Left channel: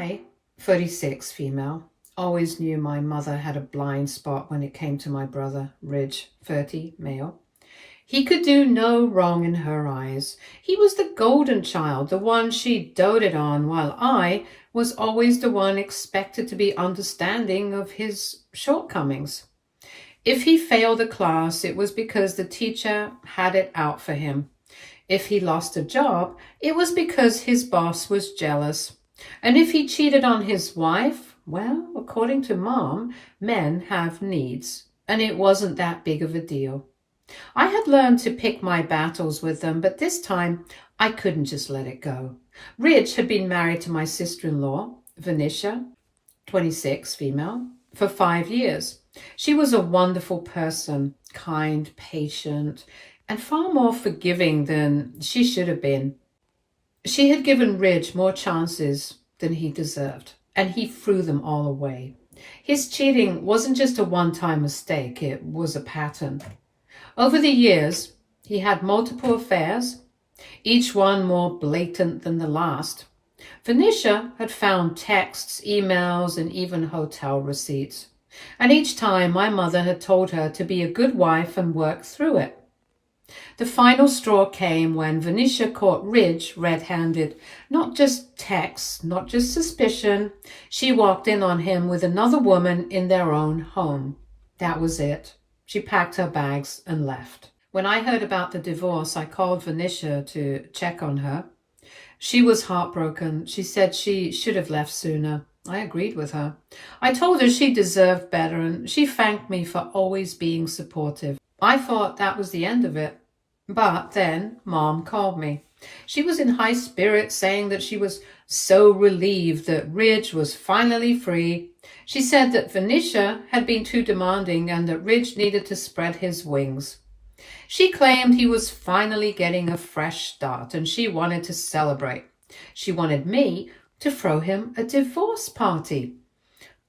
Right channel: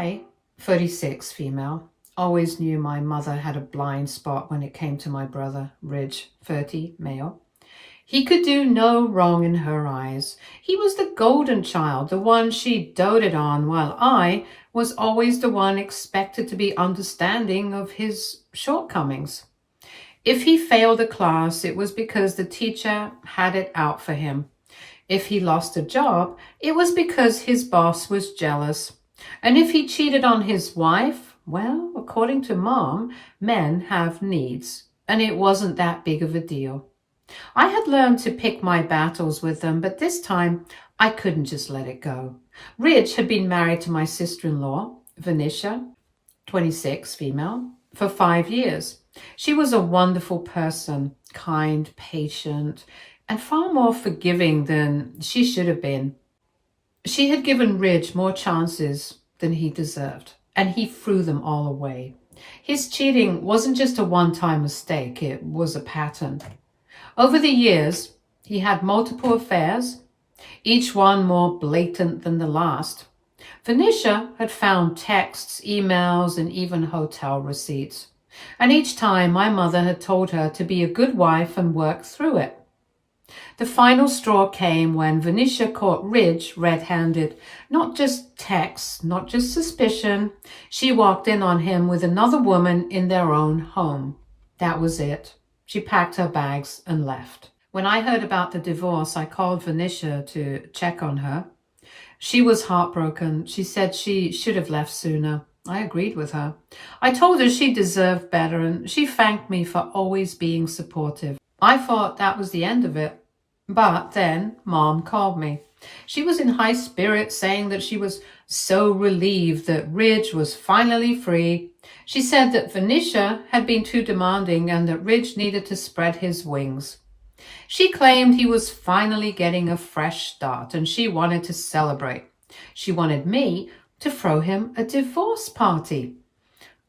I, 36 female, always knew my mother had a blind spot when it came to my brother, Ridge, 30 male. He could do no wrong in her eyes. He was the golden child, the one she doted on, while I was always the one expected to be understanding of his shortcomings. If he failed a class, it was because the teacher had it out for him. If he lost a job, it was because his boss was jealous. And if he cheated on his wife, well, according to Mom, men have needs, and it wasn't that big of a deal. I had learned to pick my battles with them, but this time I couldn't just let it go. Ridge had been married to my sister-in-law, Venetia, 26, female, for 5 years. She was a wonderful person, kind, patient, and far more forgiving than she should have been. She had given Ridge more chances than he deserved, and he threw them all away. His cheating wasn't just a one-time mistake, it was a pattern. Over the years, he had multiple affairs, each one more blatant than the last. Venetia had found texts, emails, and even hotel receipts. And each time my mother had told her to be a good wife and work through it. The final straw came when Venetia caught Ridge red-handed. Not just texts, not just suspicion. She walked in on him with another woman in their own home. That was it. She packed her bags and left. When I heard about the divorce, I called Venetia to check on her. She was heartbroken. She said she should have left sooner. I agreed with her. I told her she deserved better, and she thanked me for always being supportive. I thought that was the end of it. But then Mom called me. She was in high spirits, saying that she was so relieved that Ridge was finally free. She said that Venetia had been too demanding and that Ridge needed to spread his wings. She claimed he was finally getting a fresh start and she wanted to celebrate. She wanted me to throw him a divorce party.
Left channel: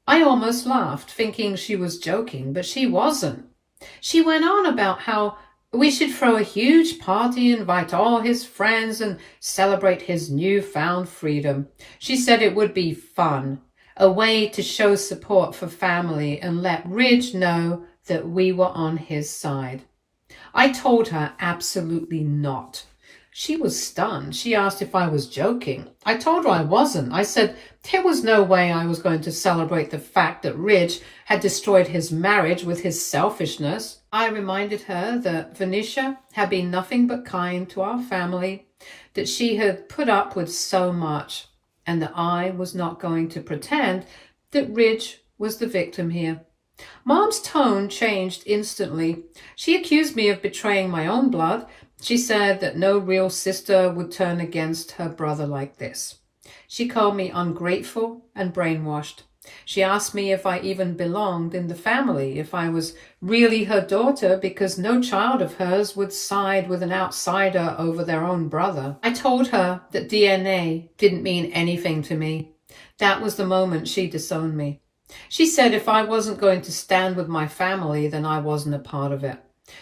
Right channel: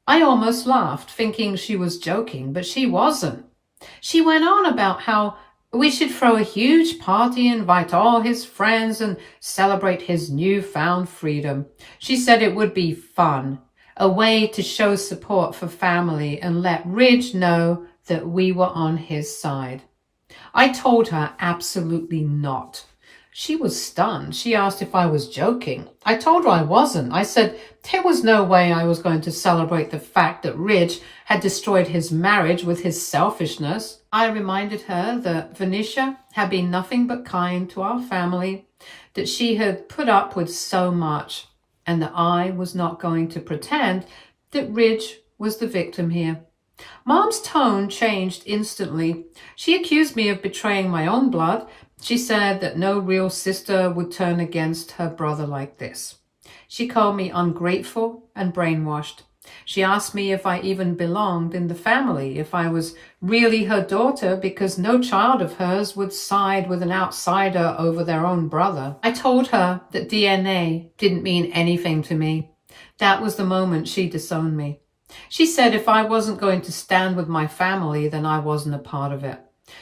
I almost laughed, thinking she was joking, but she wasn't. She went on about how we should throw a huge party, invite all his friends, and celebrate his newfound freedom. She said it would be fun, a way to show support for family and let Ridge know that we were on his side. I told her absolutely not. She was stunned. She asked if I was joking. I told her I wasn't. I said there was no way I was going to celebrate the fact that Ridge had destroyed his marriage with his selfishness. I reminded her that Venetia had been nothing but kind to our family, that she had put up with so much, and that I was not going to pretend that Ridge was the victim here. Mom's tone changed instantly. She accused me of betraying my own blood. She said that no real sister would turn against her brother like this. She called me ungrateful and brainwashed. She asked me if I even belonged in the family, if I was really her daughter, because no child of hers would side with an outsider over their own brother. I told her that DNA didn't mean anything to me. That was the moment she disowned me. She said if I wasn't going to stand with my family, then I wasn't a part of it.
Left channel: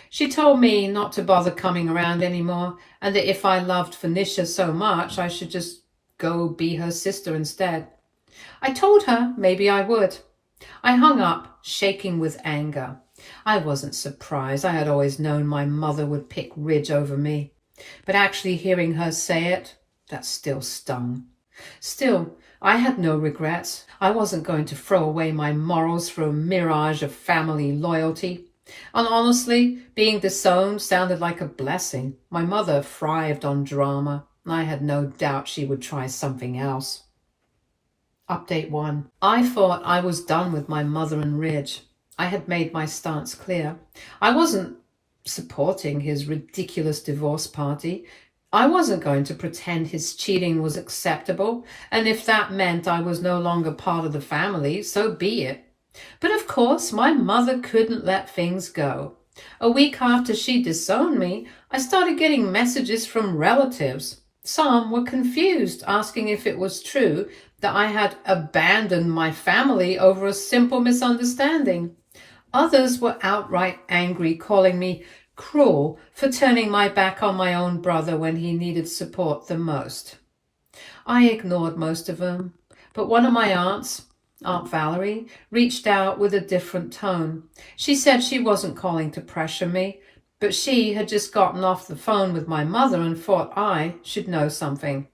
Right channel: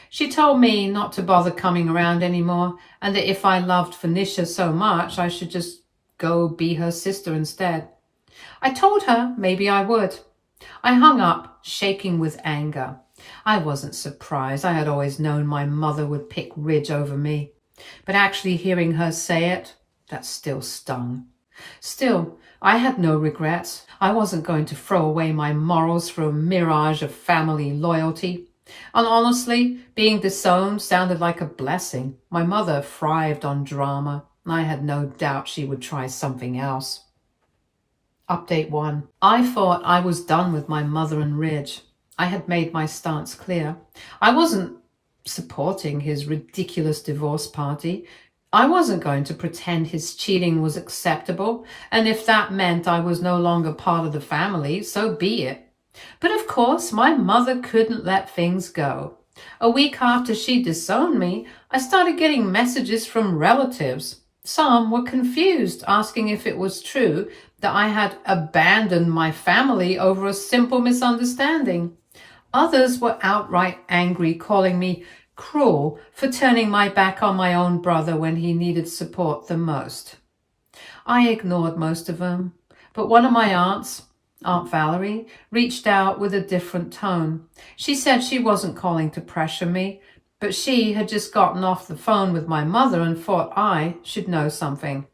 She told me not to bother coming around anymore, and that if I loved Venetia so much, I should just go be her sister instead. I told her maybe I would. I hung up, shaking with anger. I wasn't surprised. I had always known my mother would pick Ridge over me. But actually hearing her say it, that still stung. Still, I had no regrets. I wasn't going to throw away my morals for a mirage of family loyalty. And honestly, being disowned sounded like a blessing. My mother thrived on drama. I had no doubt she would try something else. Update 1. I thought I was done with my mother and Ridge. I had made my stance clear. I wasn't supporting his ridiculous divorce party. I wasn't going to pretend his cheating was acceptable, and if that meant I was no longer part of the family, so be it. But of course, my mother couldn't let things go. A week after she disowned me, I started getting messages from relatives. Some were confused, asking if it was true that I had abandoned my family over a simple misunderstanding. Others were outright angry, calling me cruel for turning my back on my own brother when he needed support the most. I ignored most of them. But one of my aunts, Aunt Valerie, reached out with a different tone. She said she wasn't calling to pressure me, but she had just gotten off the phone with my mother and thought I should know something.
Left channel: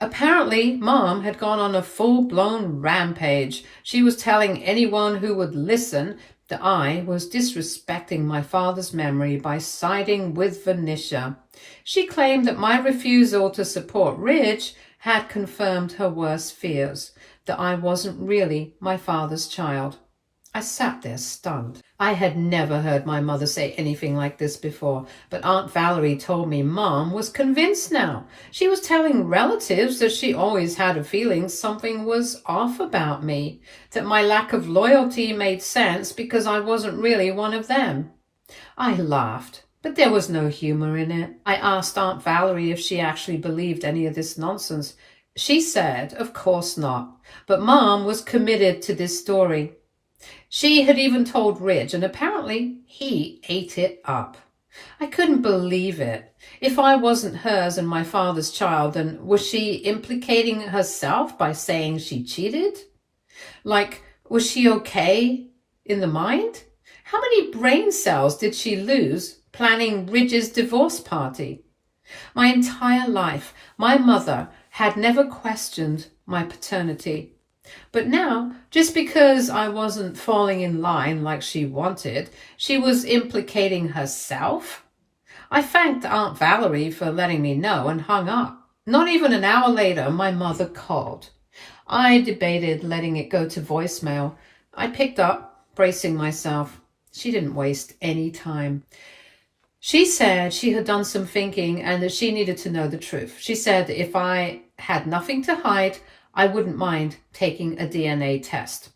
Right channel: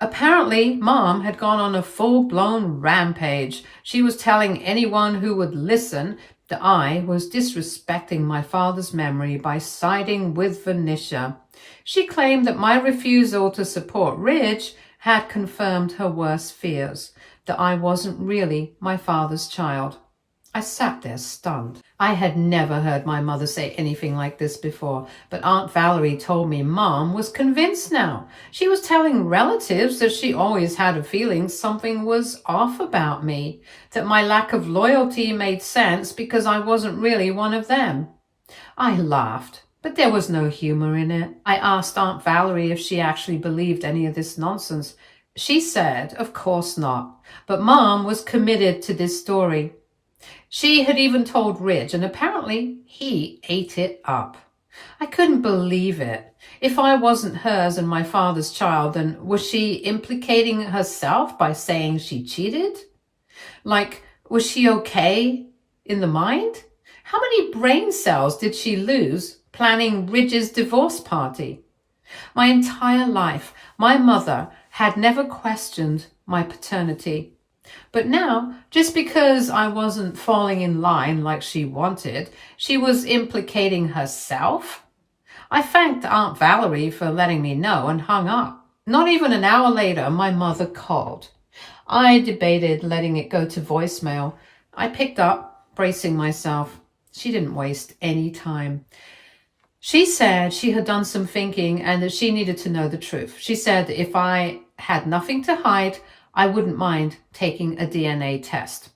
Apparently, Mom had gone on a full-blown rampage. She was telling anyone who would listen that I was disrespecting my father's memory by siding with Venetia. She claimed that my refusal to support Ridge had confirmed her worst fears, that I wasn't really my father's child. I sat there stunned. I had never heard my mother say anything like this before, but Aunt Valerie told me Mom was convinced now. She was telling relatives that she always had a feeling something was off about me, that my lack of loyalty made sense because I wasn't really one of them. I laughed, but there was no humor in it. I asked Aunt Valerie if she actually believed any of this nonsense. She said, of course not, but Mom was committed to this story. She had even told Ridge, and apparently he ate it up. I couldn't believe it. If I wasn't hers and my father's child, then was she implicating herself by saying she cheated? Like, was she okay in the mind? How many brain cells did she lose planning Ridge's divorce party? My entire life, my mother had never questioned my paternity. But now, just because I wasn't falling in line like she wanted, she was implicating herself? I thanked Aunt Valerie for letting me know and hung up. Not even an hour later, my mother called. I debated letting it go to voicemail. I picked up, bracing myself. She didn't waste any time. She said she had done some thinking and that she needed to know the truth. She said that if I had nothing to hide, I wouldn't mind taking a DNA test.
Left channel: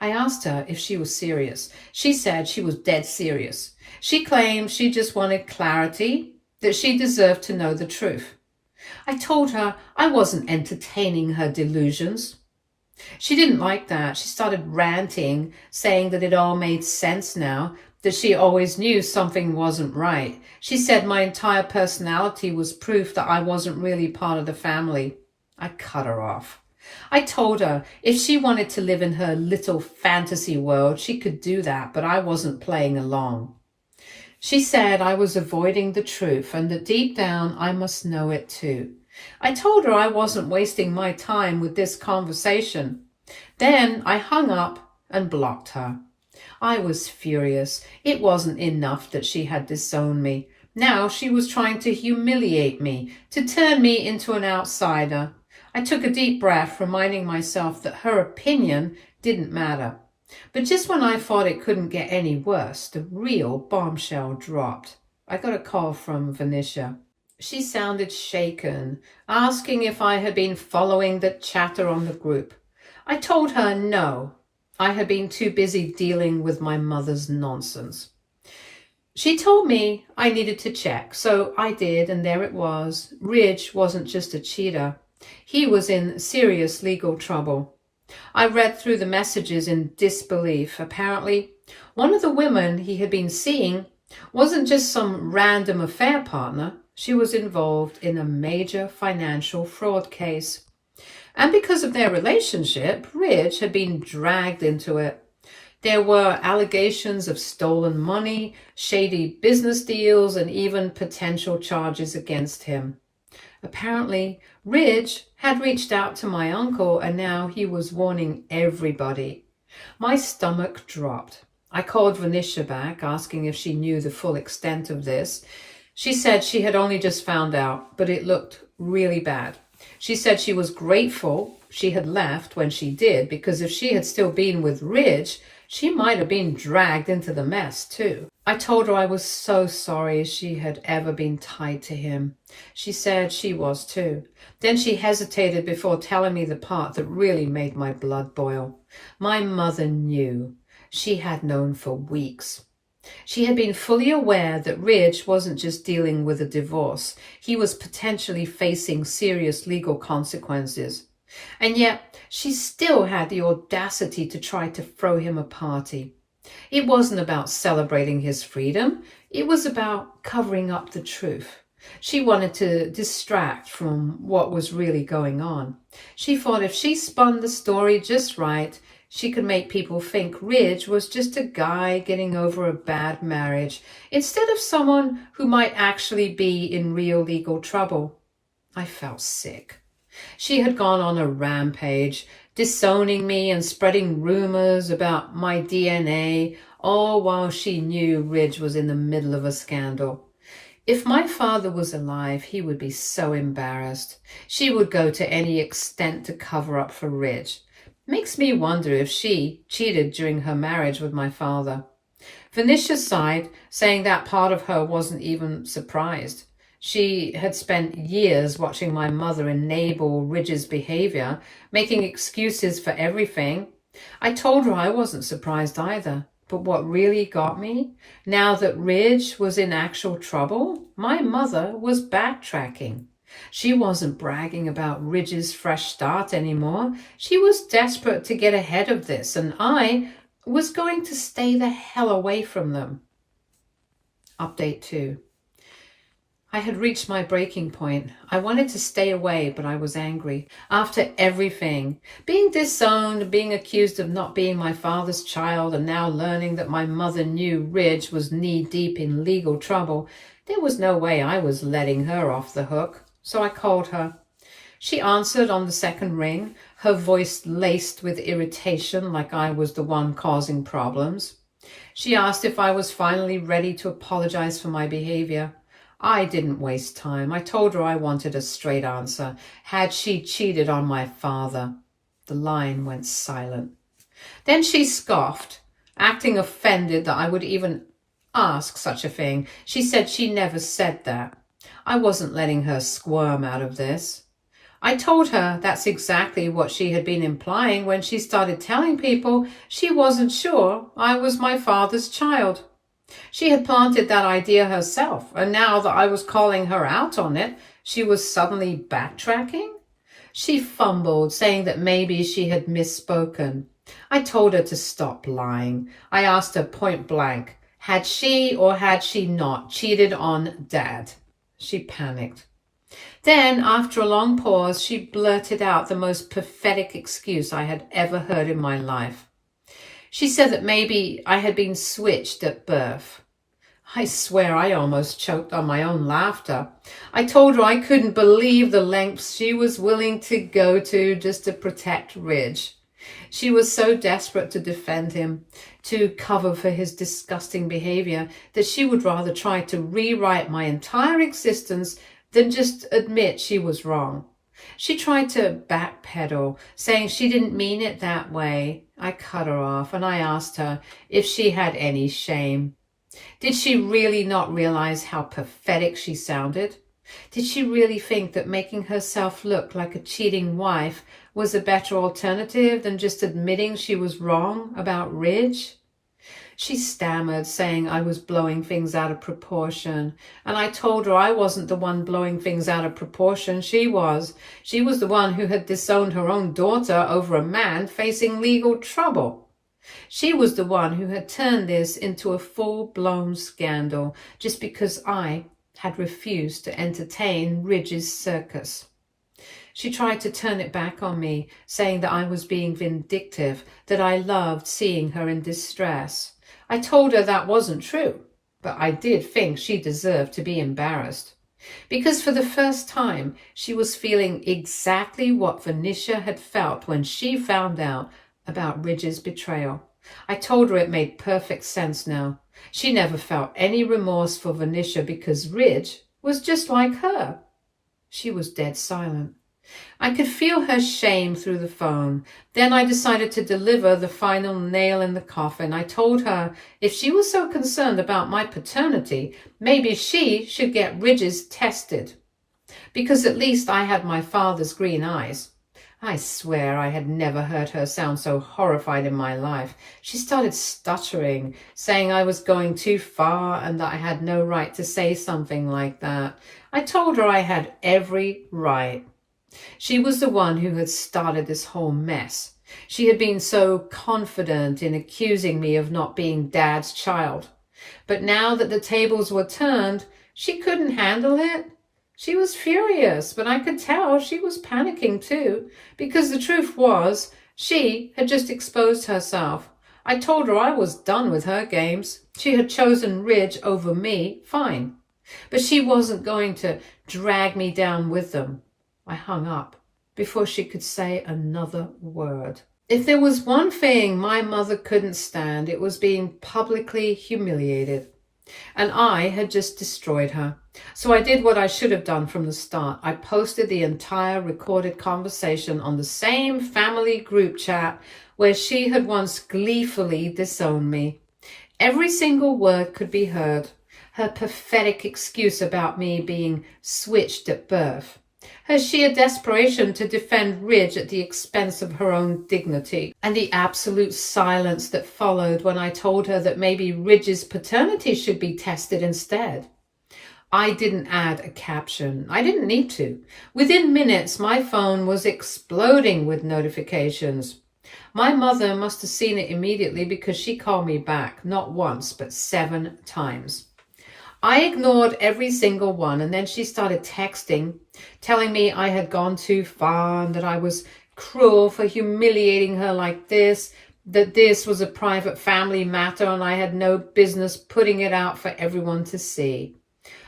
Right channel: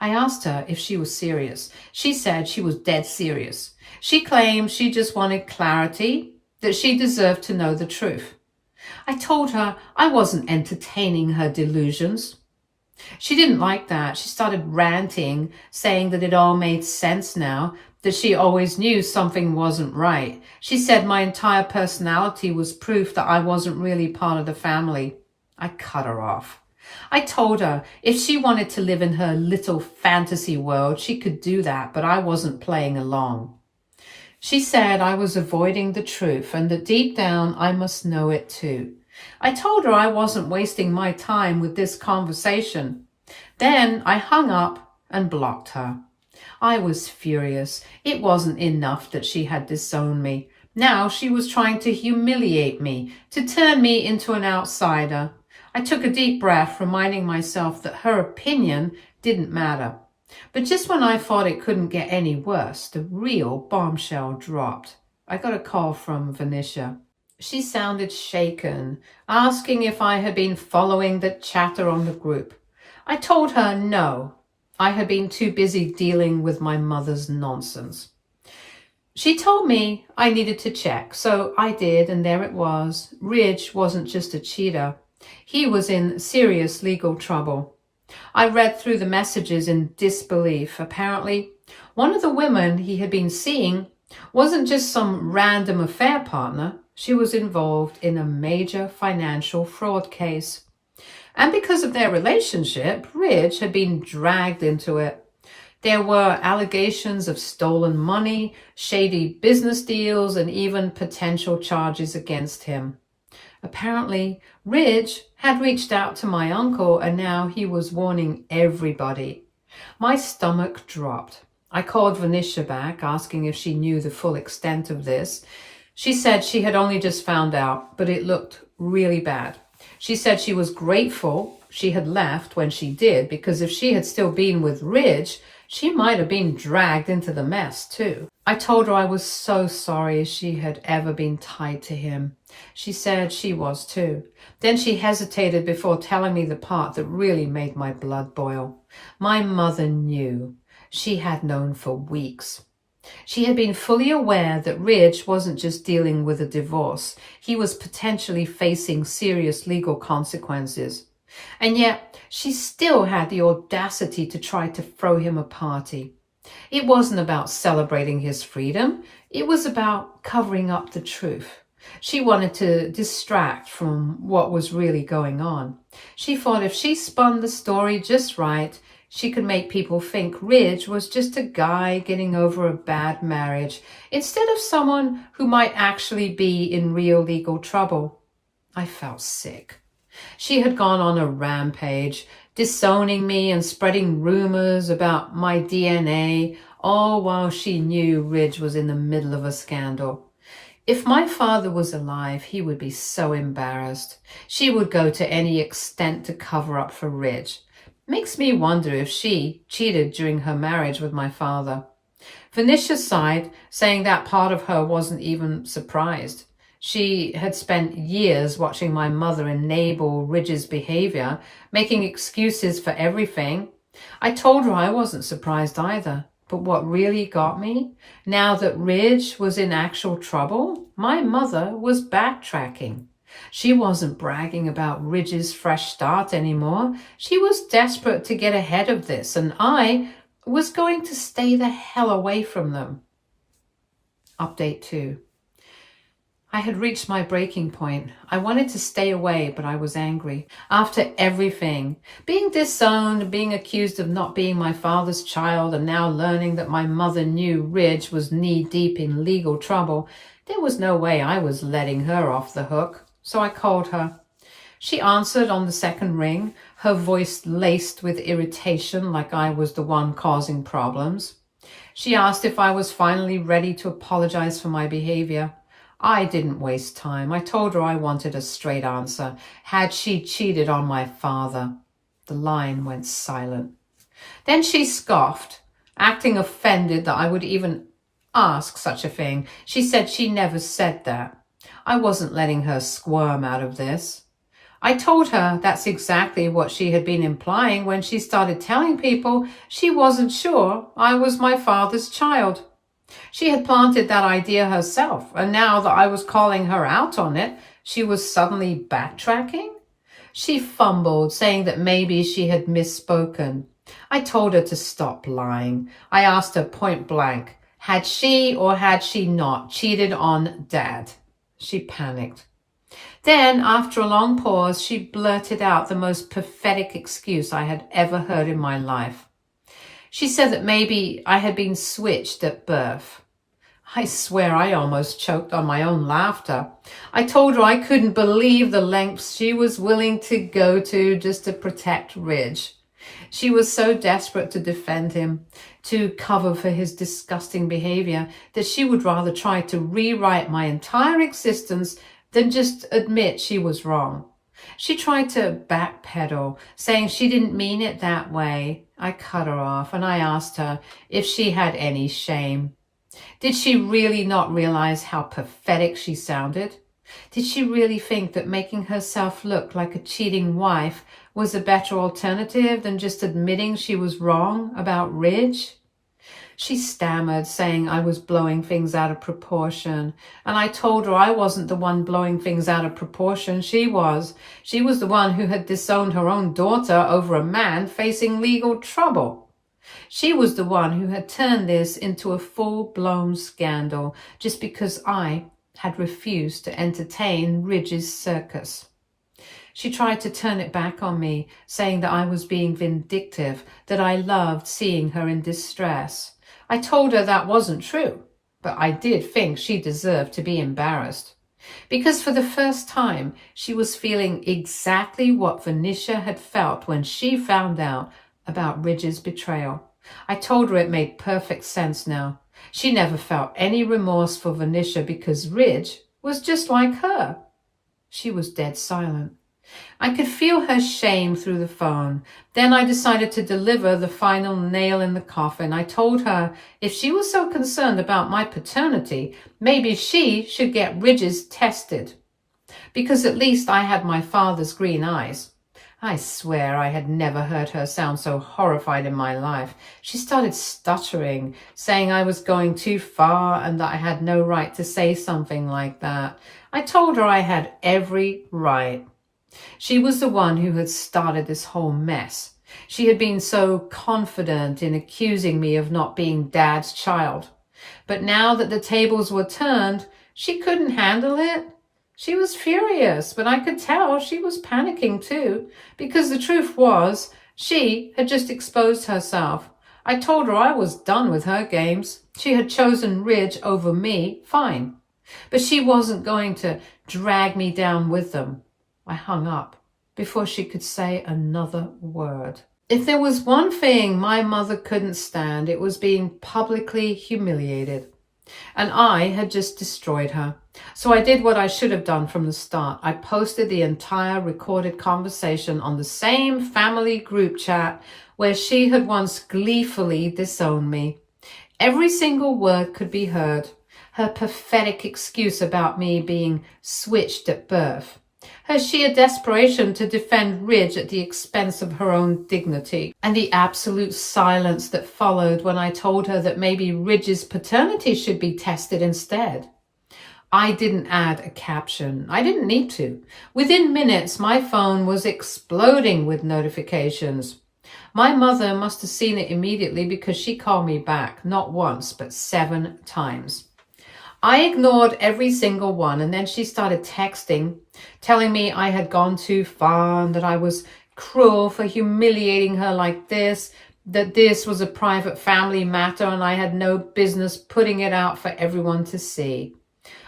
I asked her if she was serious. She said she was dead serious. She claimed she just wanted clarity, that she deserved to know the truth. I told her I wasn't entertaining her delusions. She didn't like that. She started ranting, saying that it all made sense now, that she always knew something wasn't right. She said my entire personality was proof that I wasn't really part of the family. I cut her off. I told her if she wanted to live in her little fantasy world, she could do that, but I wasn't playing along. She said I was avoiding the truth and that deep down I must know it too. I told her I wasn't wasting my time with this conversation. Then I hung up and blocked her. I was furious. It wasn't enough that she had disowned me. Now she was trying to humiliate me, to turn me into an outsider. I took a deep breath, reminding myself that her opinion didn't matter. But just when I thought it couldn't get any worse, the real bombshell dropped. I got a call from Venetia. She sounded shaken, asking if I had been following the chatter on the group. I told her no. I had been too busy dealing with my mother's nonsense. She told me I needed to check, so I did, and there it was. Ridge wasn't just a cheater. He was in serious legal trouble. I read through the messages in disbelief. Apparently, one of the women he had been seeing wasn't just some random affair partner. She was involved in a major financial fraud case. And because of their relationship, Ridge had been dragged into it. There were allegations of stolen money, shady business deals, and even potential charges against him. Apparently, Ridge had reached out to my uncle and now he was warning everybody. My stomach dropped. I called Venetia back, asking if she knew the full extent of this. She said she had only just found out, but it looked really bad. She said she was grateful she had left when she did, because if she had still been with Ridge, she might have been dragged into the mess too. I told her I was so sorry she had ever been tied to him. She said she was too. Then she hesitated before telling me the part that really made my blood boil. My mother knew. She had known for weeks. She had been fully aware that Ridge wasn't just dealing with a divorce. He was potentially facing serious legal consequences. And yet, she still had the audacity to try to throw him a party. It wasn't about celebrating his freedom. It was about covering up the truth. She wanted to distract from what was really going on. She thought if she spun the story just right, she could make people think Ridge was just a guy getting over a bad marriage instead of someone who might actually be in real legal trouble. I felt sick. She had gone on a rampage, disowning me and spreading rumors about my DNA, all while she knew Ridge was in the middle of a scandal. If my father was alive, he would be so embarrassed. She would go to any extent to cover up for Ridge. Makes me wonder if she cheated during her marriage with my father. Venetia sighed, saying that part of her wasn't even surprised. She had spent years watching my mother enable Ridge's behavior, making excuses for everything. I told her I wasn't surprised either. But what really got me, now that Ridge was in actual trouble, my mother was backtracking. She wasn't bragging about Ridge's fresh start anymore. She was desperate to get ahead of this, and I was going to stay the hell away from them. Update 2. I had reached my breaking point. I wanted to stay away, but I was angry. After everything, being disowned, being accused of not being my father's child, and now learning that my mother knew Ridge was knee-deep in legal trouble, there was no way I was letting her off the hook. So I called her. She answered on the second ring, her voice laced with irritation like I was the one causing problems. She asked if I was finally ready to apologize for my behavior. I didn't waste time. I told her I wanted a straight answer. Had she cheated on my father? The line went silent. Then she scoffed, acting offended that I would even ask such a thing. She said she never said that. I wasn't letting her squirm out of this. I told her that's exactly what she had been implying when she started telling people she wasn't sure I was my father's child. She had planted that idea herself, and now that I was calling her out on it, she was suddenly backtracking? She fumbled, saying that maybe she had misspoken. I told her to stop lying. I asked her point blank, had she or had she not cheated on Dad? She panicked. Then, after a long pause, she blurted out the most pathetic excuse I had ever heard in my life. She said that maybe I had been switched at birth. I swear I almost choked on my own laughter. I told her I couldn't believe the lengths she was willing to go to just to protect Ridge. She was so desperate to defend him, to cover for his disgusting behavior, that she would rather try to rewrite my entire existence than just admit she was wrong. She tried to backpedal, saying she didn't mean it that way. I cut her off and I asked her if she had any shame. Did she really not realize how pathetic she sounded? Did she really think that making herself look like a cheating wife was a better alternative than just admitting she was wrong about Ridge? She stammered, saying I was blowing things out of proportion, and I told her I wasn't the one blowing things out of proportion. She was. She was the one who had disowned her own daughter over a man facing legal trouble. She was the one who had turned this into a full-blown scandal just because I had refused to entertain Ridge's circus. She tried to turn it back on me, saying that I was being vindictive, that I loved seeing her in distress. I told her that wasn't true, but I did think she deserved to be embarrassed. Because for the first time, she was feeling exactly what Venetia had felt when she found out about Ridge's betrayal. I told her it made perfect sense now. She never felt any remorse for Venetia because Ridge was just like her. She was dead silent. I could feel her shame through the phone. Then I decided to deliver the final nail in the coffin. I told her if she was so concerned about my paternity, maybe she should get Ridge's tested. Because at least I had my father's green eyes. I swear I had never heard her sound so horrified in my life. She started stuttering, saying I was going too far and that I had no right to say something like that. I told her I had every right. She was the one who had started this whole mess. She had been so confident in accusing me of not being Dad's child. But now that the tables were turned, She couldn't handle it. She was furious, but I could tell she was panicking too, because the truth was, she had just exposed herself. I told her I was done with her games. She had chosen Ridge over me, fine. But she wasn't going to drag me down with them. I hung up before she could say another word. If there was one thing my mother couldn't stand, it was being publicly humiliated. And I had just destroyed her. So I did what I should have done from the start. I posted the entire recorded conversation on the same family group chat where she had once gleefully disowned me. Every single word could be heard. Her pathetic excuse about me being switched at birth. Her sheer desperation to defend Ridge at the expense of her own dignity, and the absolute silence that followed when I told her that maybe Ridge's paternity should be tested instead. I didn't add a caption. I didn't need to. Within minutes, my phone was exploding with notifications. My mother must have seen it immediately because she called me back, not once, but 7 times. I ignored every single one, and then she started texting, telling me I had gone too far and that I was cruel for humiliating her like this, that this was a private family matter and I had no business putting it out for everyone to see.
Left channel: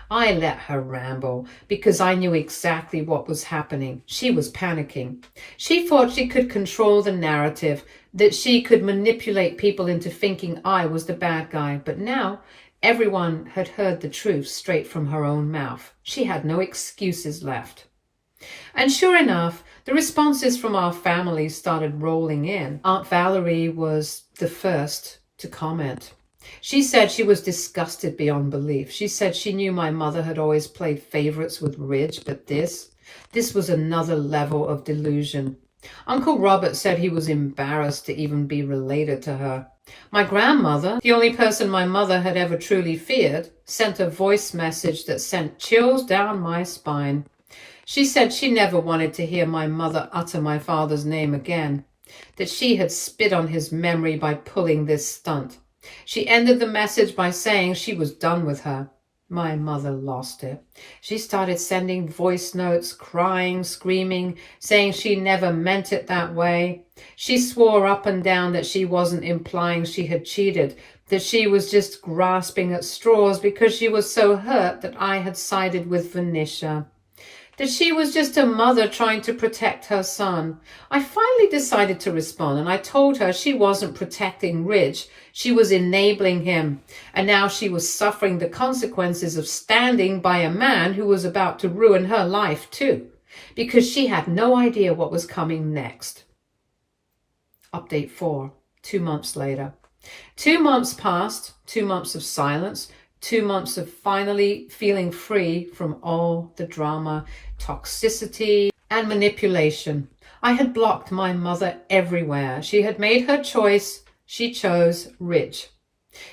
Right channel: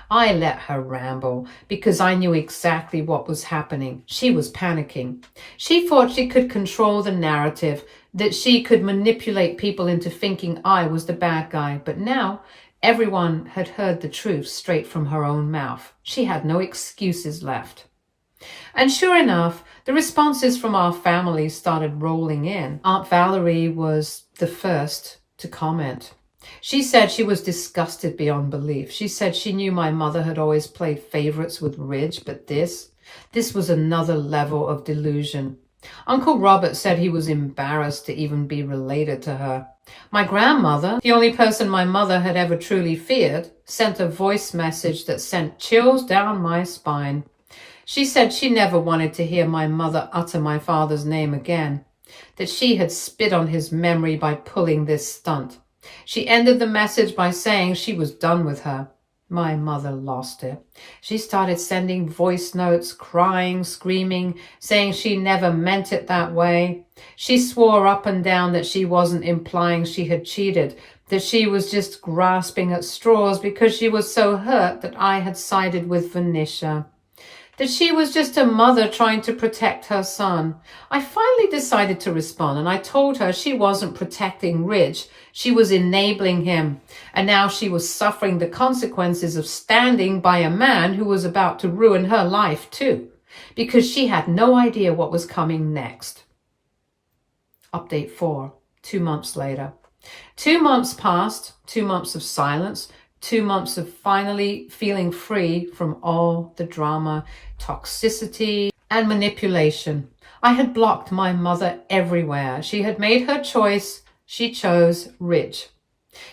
I let her ramble because I knew exactly what was happening. She was panicking. She thought she could control the narrative, that she could manipulate people into thinking I was the bad guy, but now everyone had heard the truth straight from her own mouth. She had no excuses left. And sure enough, the responses from our family started rolling in. Aunt Valerie was the first to comment. She said she was disgusted beyond belief. She said she knew my mother had always played favorites with Ridge, but this was another level of delusion. Uncle Robert said he was embarrassed to even be related to her. My grandmother, the only person my mother had ever truly feared, sent a voice message that sent chills down my spine. She said she never wanted to hear my mother utter my father's name again, that she had spit on his memory by pulling this stunt. She ended the message by saying she was done with her. My mother lost it. She started sending voice notes, crying, screaming, saying she never meant it that way. She swore up and down that she wasn't implying she had cheated, that she was just grasping at straws because she was so hurt that I had sided with Venetia, that she was just a mother trying to protect her son. I finally decided to respond, and I told her she wasn't protecting Ridge. She was enabling him, and now she was suffering the consequences of standing by a man who was about to ruin her life too, because she had no idea what was coming next. Update 4, 2 months later. 2 months passed, 2 months of silence, 2 months of finally feeling free from all the drama, toxicity, and manipulation. I had blocked my mother everywhere. She had made her choice. She chose Ridge.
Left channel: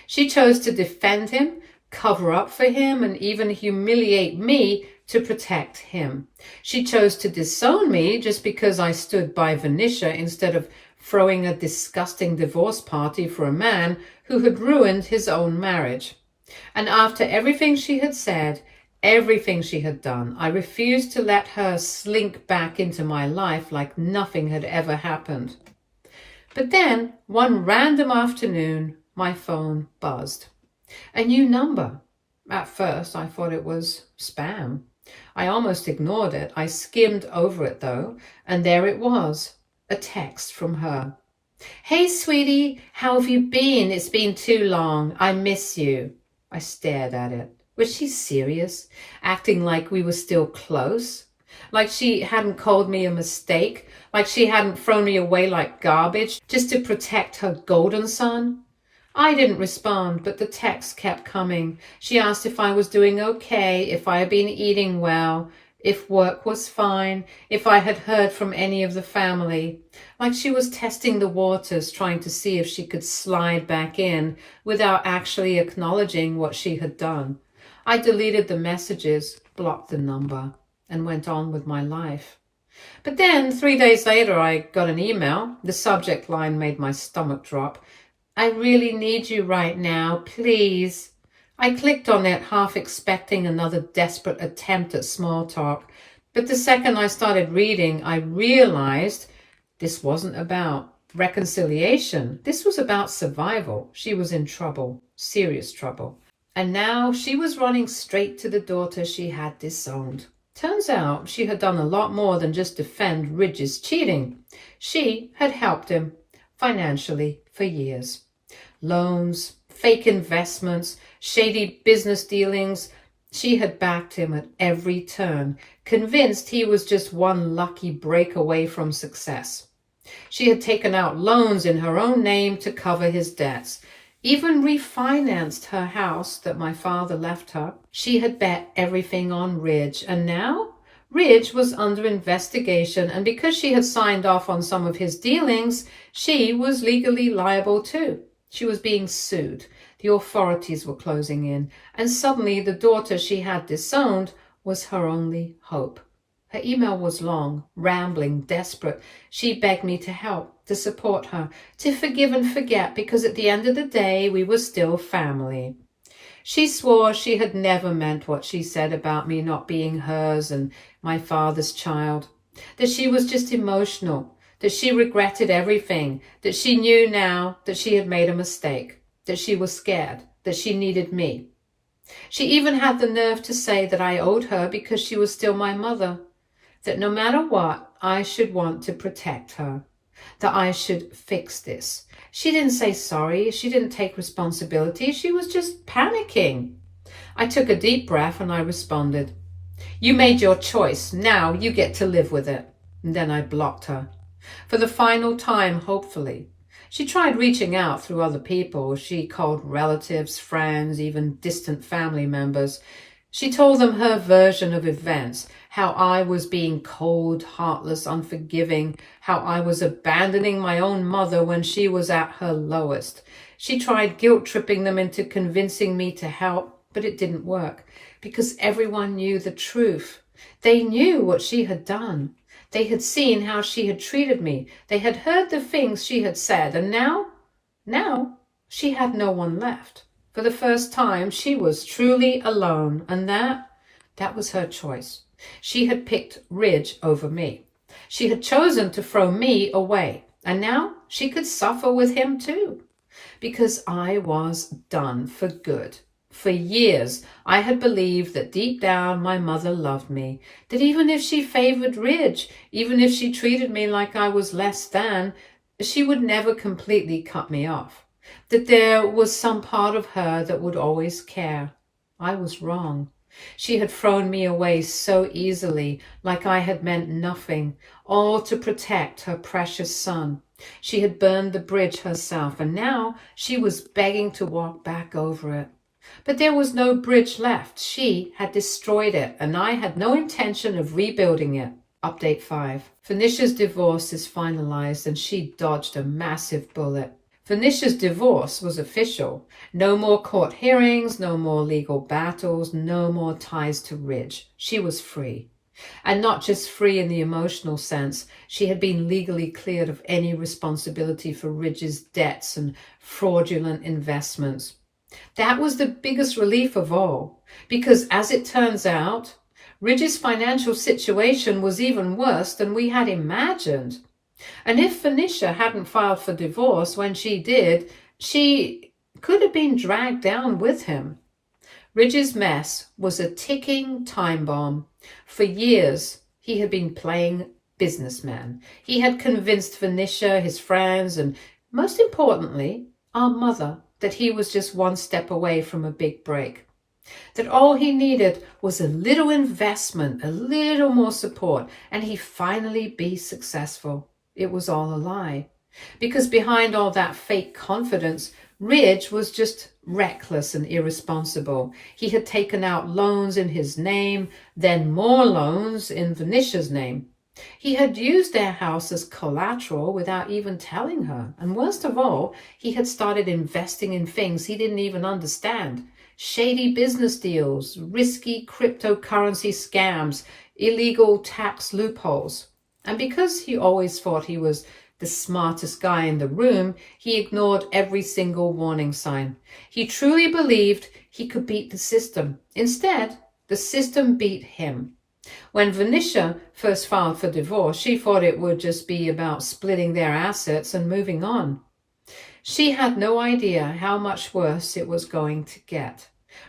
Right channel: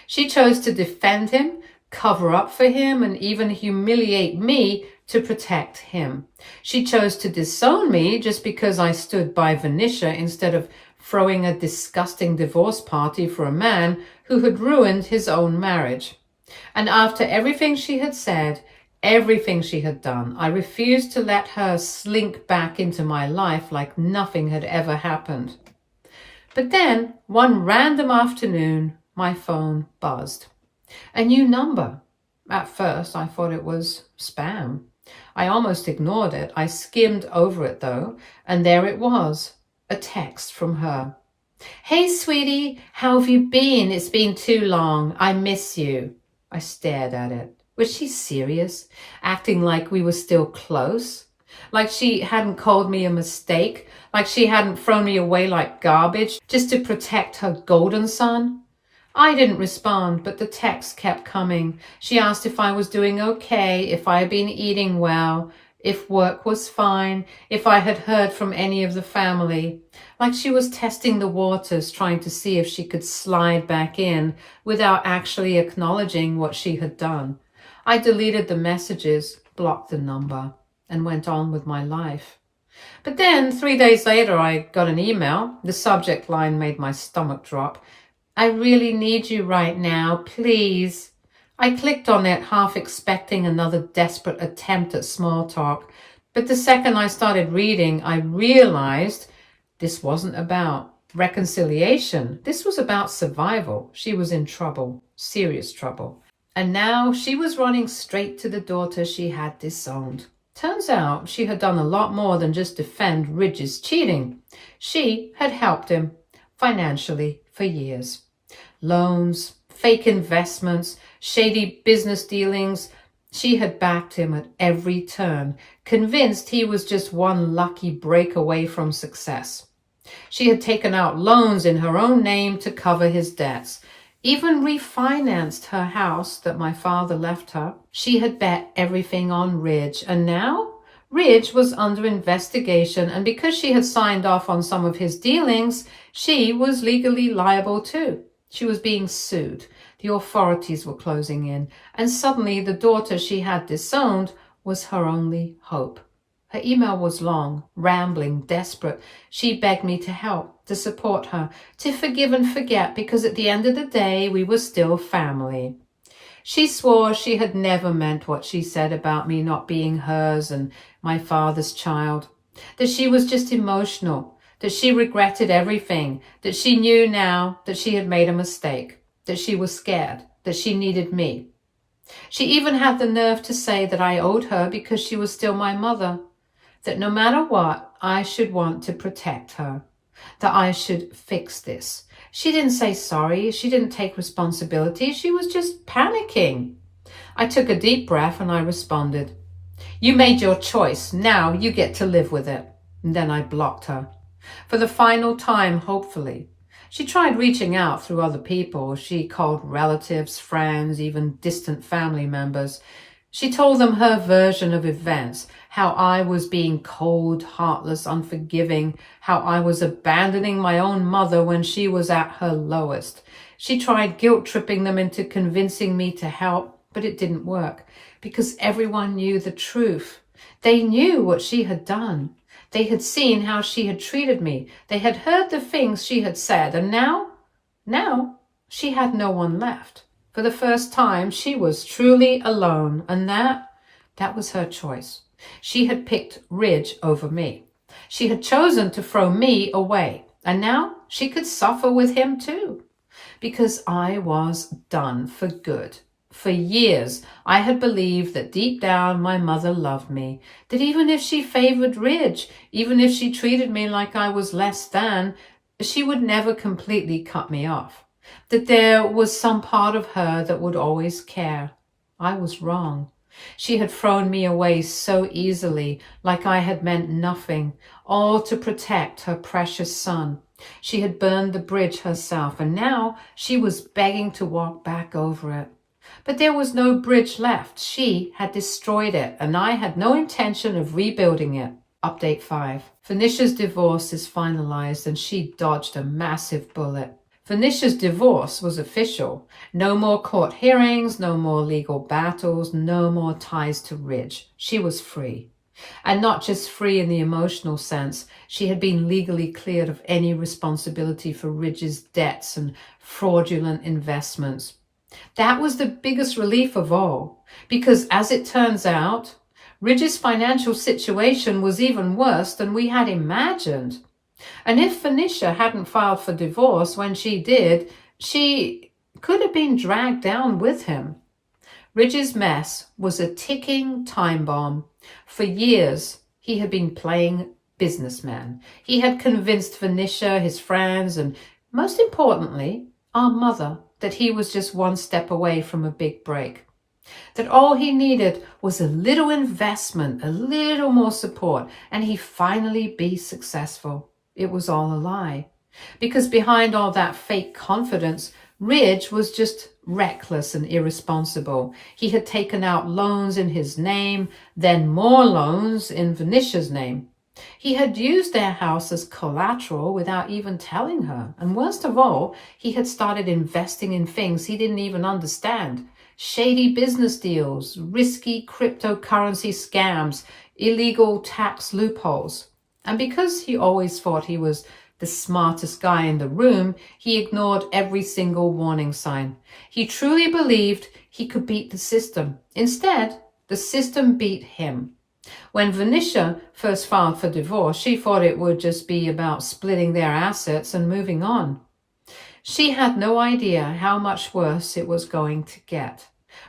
She chose to defend him, cover up for him, and even humiliate me to protect him. She chose to disown me just because I stood by Venetia instead of throwing a disgusting divorce party for a man who had ruined his own marriage. And after everything she had said, everything she had done, I refused to let her slink back into my life like nothing had ever happened. But then, one random afternoon, my phone buzzed. A new number. At first, I thought it was spam. I almost ignored it. I skimmed over it, though, and there it was, a text from her. "Hey, sweetie, how have you been? It's been too long. I miss you." I stared at it. Was she serious? Acting like we were still close? Like she hadn't called me a mistake? Like she hadn't thrown me away like garbage just to protect her golden son? I didn't respond, but the text kept coming. She asked if I was doing okay, if I had been eating well, if work was fine, if I had heard from any of the family. Like she was testing the waters, trying to see if she could slide back in without actually acknowledging what she had done. I deleted the messages, blocked the number, and went on with my life. But then, 3 days later, I got an email. The subject line made my stomach drop. "I really need you right now, please." I clicked on it, half expecting another desperate attempt at small talk. But the second I started reading, I realized this wasn't about reconciliation. This was about survival. She was in trouble, serious trouble. And now she was running straight to the daughter she had disowned. Turns out she had done a lot more than just defend Ridge's cheating. She had helped him financially for years. Loans, fake investments, shady business dealings. She had backed him at every turn, convinced he was just one lucky break away from success. She had taken out loans in her own name to cover his debts, even refinanced her house that my father left her. She had bet everything on Ridge, and now Ridge was under investigation, and because she had signed off on some of his dealings, she was legally liable too. She was being sued. The authorities were closing in, and suddenly the daughter she had disowned was her only hope. Her email was long, rambling, desperate. She begged me to help, to support her, to forgive and forget, because at the end of the day, we were still family. She swore she had never meant what she said about me not being hers and my father's child, that she was just emotional, that she regretted everything, that she knew now that she had made a mistake, that she was scared, that she needed me. She even had the nerve to say that I owed her because she was still my mother, that no matter what, I should want to protect her, that I should fix this. She didn't say sorry. She didn't take responsibility. She was just panicking. I took a deep breath and I responded, "You made your choice. Now you get to live with it." And then I blocked her. For the final time, hopefully. She tried reaching out through other people. She called relatives, friends, even distant family members. She told them her version of events, how I was being cold, heartless, unforgiving, how I was abandoning my own mother when she was at her lowest. She tried guilt-tripping them into convincing me to help, but it didn't work because everyone knew the truth. They knew what she had done. They had seen how she had treated me. They had heard the things she had said, and now she had no one left. For the first time, she was truly alone, and that was her choice. She had picked Ridge over me. She had chosen to throw me away, and now she could suffer with him too, because I was done for good. For years, I had believed that deep down my mother loved me, that even if she favored Ridge, even if she treated me like I was less than, she would never completely cut me off, that there was some part of her that would always care. I was wrong. She had thrown me away so easily, like I had meant nothing, all to protect her precious son. She had burned the bridge herself, and now she was begging to walk back over it. But there was no bridge left. She had destroyed it, and I had no intention of rebuilding it. Update 5. Phoenicia's divorce is finalized, and she dodged a massive bullet. Phoenicia's divorce was official. No more court hearings, no more legal battles, no more ties to Ridge. She was free. And not just free in the emotional sense. She had been legally cleared of any responsibility for Ridge's debts and fraudulent investments. That was the biggest relief of all, because as it turns out, Ridge's financial situation was even worse than we had imagined. And if Phoenicia hadn't filed for divorce when she did, she could have been dragged down with him. Ridge's mess was a ticking time bomb. For years, he had been playing businessman. He had convinced Phoenicia, his friends, and most importantly, our mother, that he was just one step away from a big break. That all he needed was a little investment, a little more support, and he'd finally be successful. It was all a lie. Because behind all that fake confidence, Ridge was just reckless and irresponsible. He had taken out loans in his name, then more loans in Phoenicia's name. He had used their house as collateral without even telling her. And worst of all, he had started investing in things he didn't even understand. Shady business deals, risky cryptocurrency scams, illegal tax loopholes. And because he always thought he was the smartest guy in the room, he ignored every single warning sign. He truly believed he could beat the system. Instead, the system beat him. When Venetia first filed for divorce, she thought it would just be about splitting their assets and moving on. She had no idea how much worse it was going to get.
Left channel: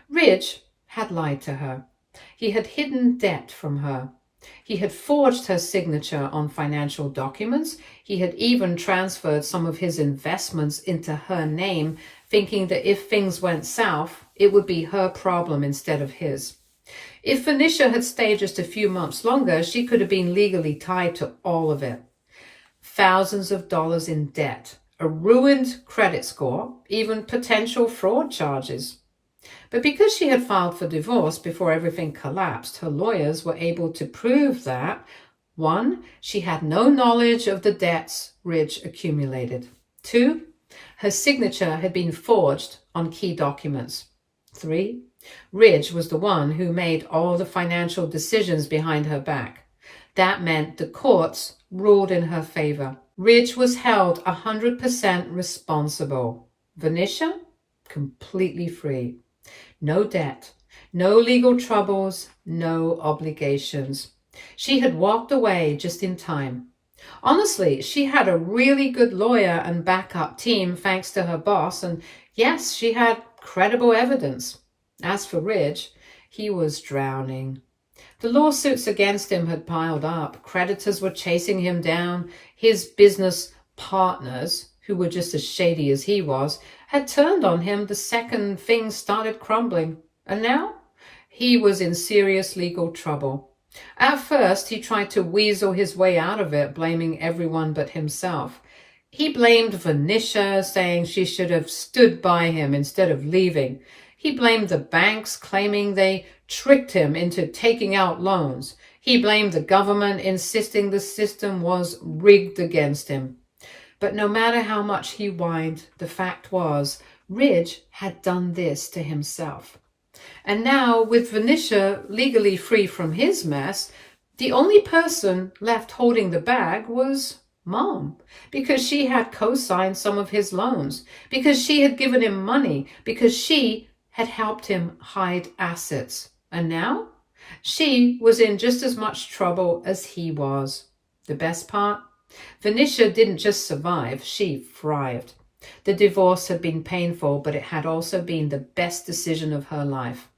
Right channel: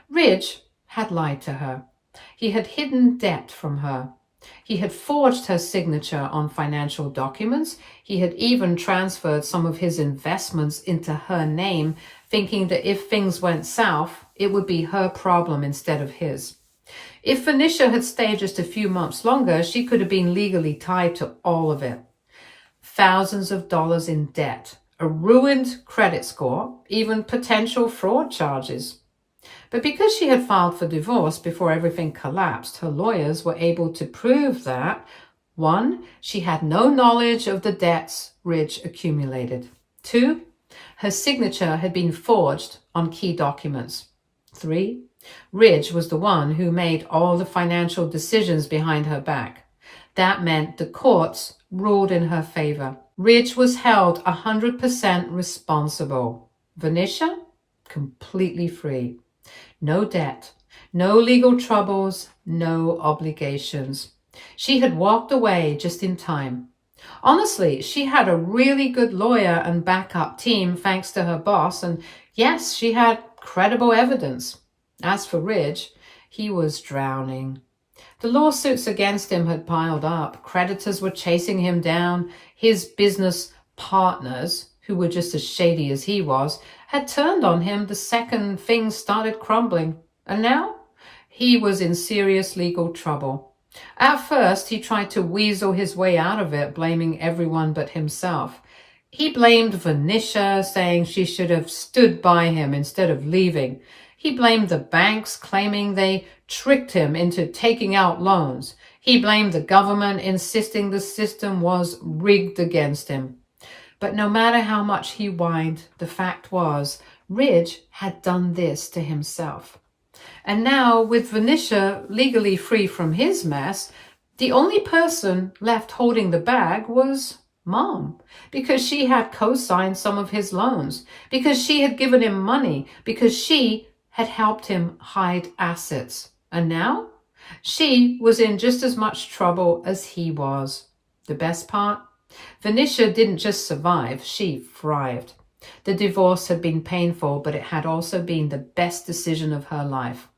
Ridge had lied to her. He had hidden debt from her. He had forged her signature on financial documents. He had even transferred some of his investments into her name, thinking that if things went south, it would be her problem instead of his. If Venetia had stayed just a few months longer, she could have been legally tied to all of it. Thousands of dollars in debt, a ruined credit score, even potential fraud charges. But because she had filed for divorce before everything collapsed, her lawyers were able to prove that, 1, she had no knowledge of the debts Ridge accumulated. 2, her signature had been forged on key documents. 3, Ridge was the one who made all the financial decisions behind her back. That meant the courts ruled in her favor. Ridge was held 100% responsible. Venetia, completely free. No debt, no legal troubles, no obligations. She had walked away just in time. Honestly, she had a really good lawyer and backup team thanks to her boss, and yes, she had credible evidence. As for Ridge, he was drowning. The lawsuits against him had piled up. Creditors were chasing him down. His business partners, who were just as shady as he was, had turned on him the second things started crumbling. And now he was in serious legal trouble. At first, he tried to weasel his way out of it, blaming everyone but himself. He blamed Venetia, saying she should have stood by him instead of leaving. He blamed the banks, claiming they tricked him into taking out loans. He blamed the government, insisting the system was rigged against him. But no matter how much he whined, the fact was, Ridge had done this to himself. And now, with Venetia legally free from his mess, the only person left holding the bag was Mom, because she had co-signed some of his loans, because she had given him money, because she had helped him hide assets. And now, she was in just as much trouble as he was. The best part? Venetia didn't just survive, she thrived. The divorce had been painful, but it had also been the best decision of her life.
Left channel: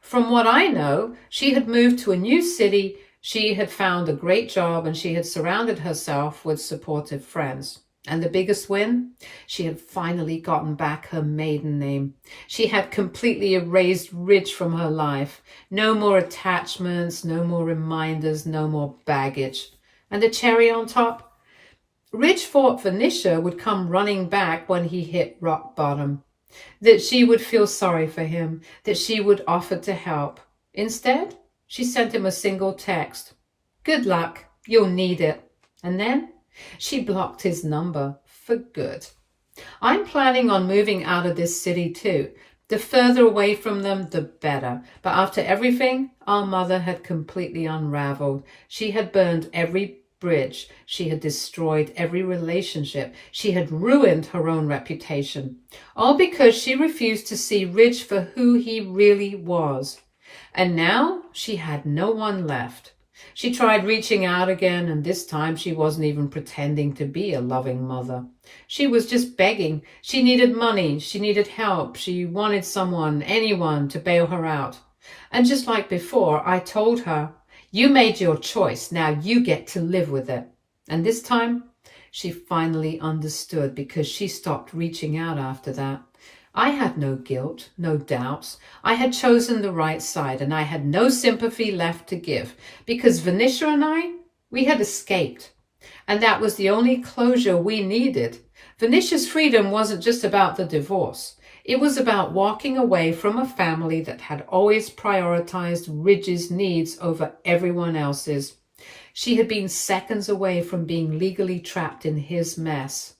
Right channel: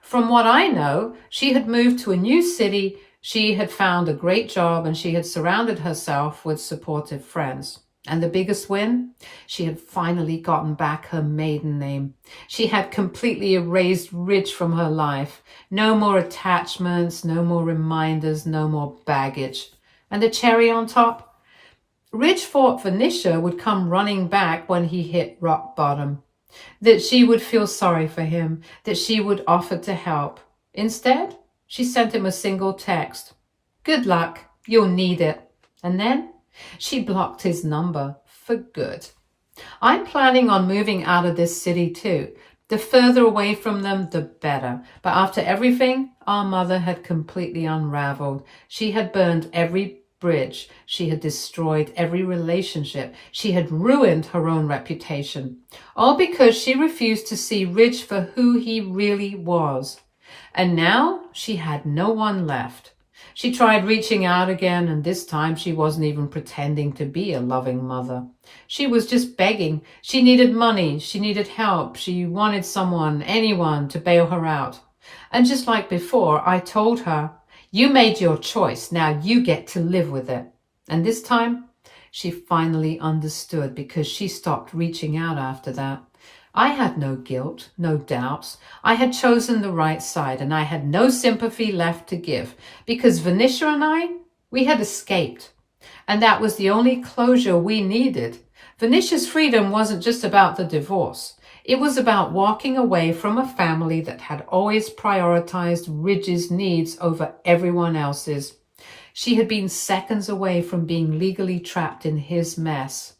From what I know, she had moved to a new city, she had found a great job, and she had surrounded herself with supportive friends. And the biggest win? She had finally gotten back her maiden name. She had completely erased Ridge from her life. No more attachments, no more reminders, no more baggage. And the cherry on top? Ridge thought Venetia would come running back when he hit rock bottom, that she would feel sorry for him, that she would offer to help. Instead, she sent him a single text. Good luck, you'll need it. And then she blocked his number for good. I'm planning on moving out of this city too. The further away from them, the better. But after everything, our mother had completely unraveled. She had burned every bridge. She had destroyed every relationship. She had ruined her own reputation. All because she refused to see Ridge for who he really was. And now she had no one left. She tried reaching out again, and this time she wasn't even pretending to be a loving mother. She was just begging. She needed money. She needed help. She wanted someone, anyone, to bail her out. And just like before, I told her, you made your choice. Now you get to live with it. And this time, she finally understood because she stopped reaching out after that. I had no guilt, no doubts. I had chosen the right side, and I had no sympathy left to give because Venetia and I, we had escaped. And that was the only closure we needed. Venetia's freedom wasn't just about the divorce. It was about walking away from a family that had always prioritized Ridge's needs over everyone else's. She had been seconds away from being legally trapped in his mess.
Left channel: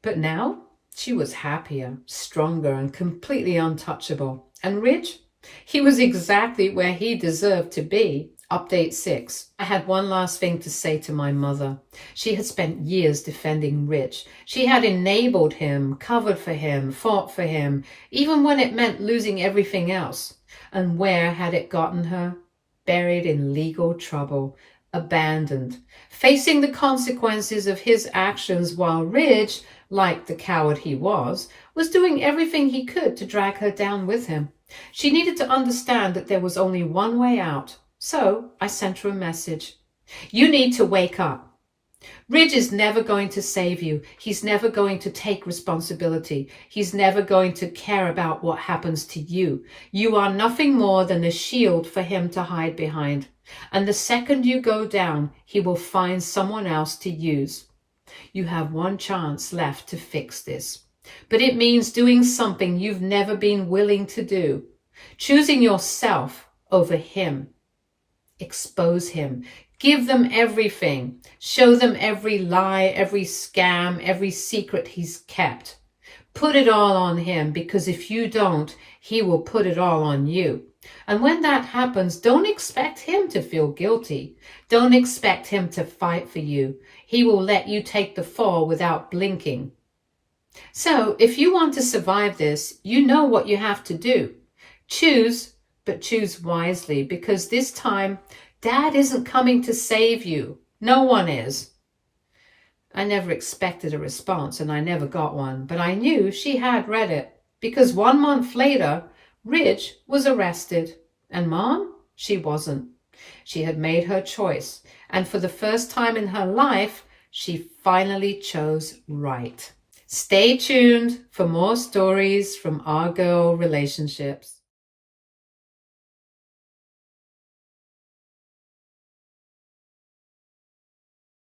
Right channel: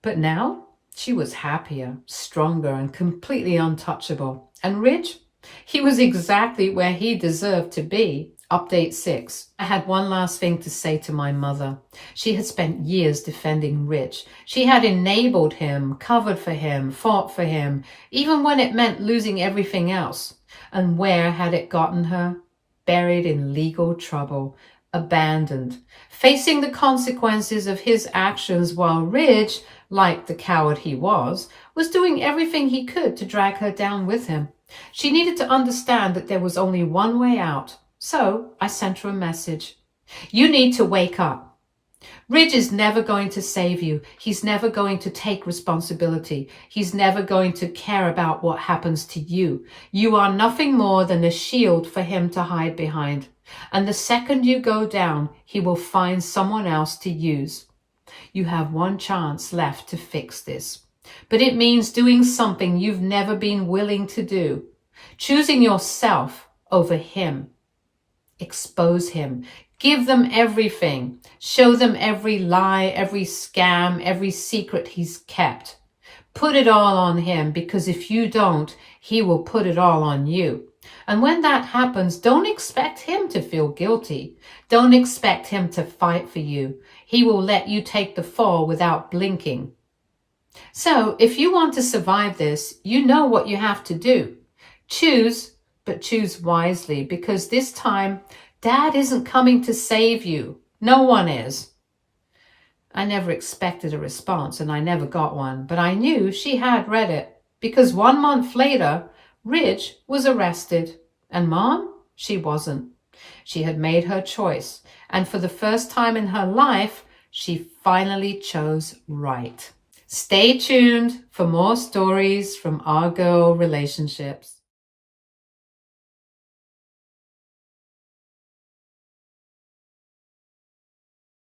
But now she was happier, stronger, and completely untouchable. And Ridge? He was exactly where he deserved to be, Update 6. I had one last thing to say to my mother. She had spent years defending Rich. She had enabled him, covered for him, fought for him, even when it meant losing everything else. And where had it gotten her? Buried in legal trouble, abandoned, facing the consequences of his actions while Rich, like the coward he was doing everything he could to drag her down with him. She needed to understand that there was only one way out. So I sent her a message. You need to wake up. Ridge is never going to save you. He's never going to take responsibility. He's never going to care about what happens to you. You are nothing more than a shield for him to hide behind. And the second you go down, he will find someone else to use. You have one chance left to fix this. But it means doing something you've never been willing to do. Choosing yourself over him. Expose him. Give them everything. Show them every lie, every scam, every secret he's kept. Put it all on him, because if you don't, he will put it all on you. And when that happens, don't expect him to feel guilty. Don't expect him to fight for you. He will let you take the fall without blinking. So if you want to survive this, you know what you have to do. Choose, but choose wisely, because this time, Dad isn't coming to save you. No one is. I never expected a response, and I never got one, but I knew she had read it, because 1 month later, Ridge was arrested, and Mom, she wasn't. She had made her choice, and for the first time in her life, she finally chose right. Stay tuned for more stories from our girl relationships.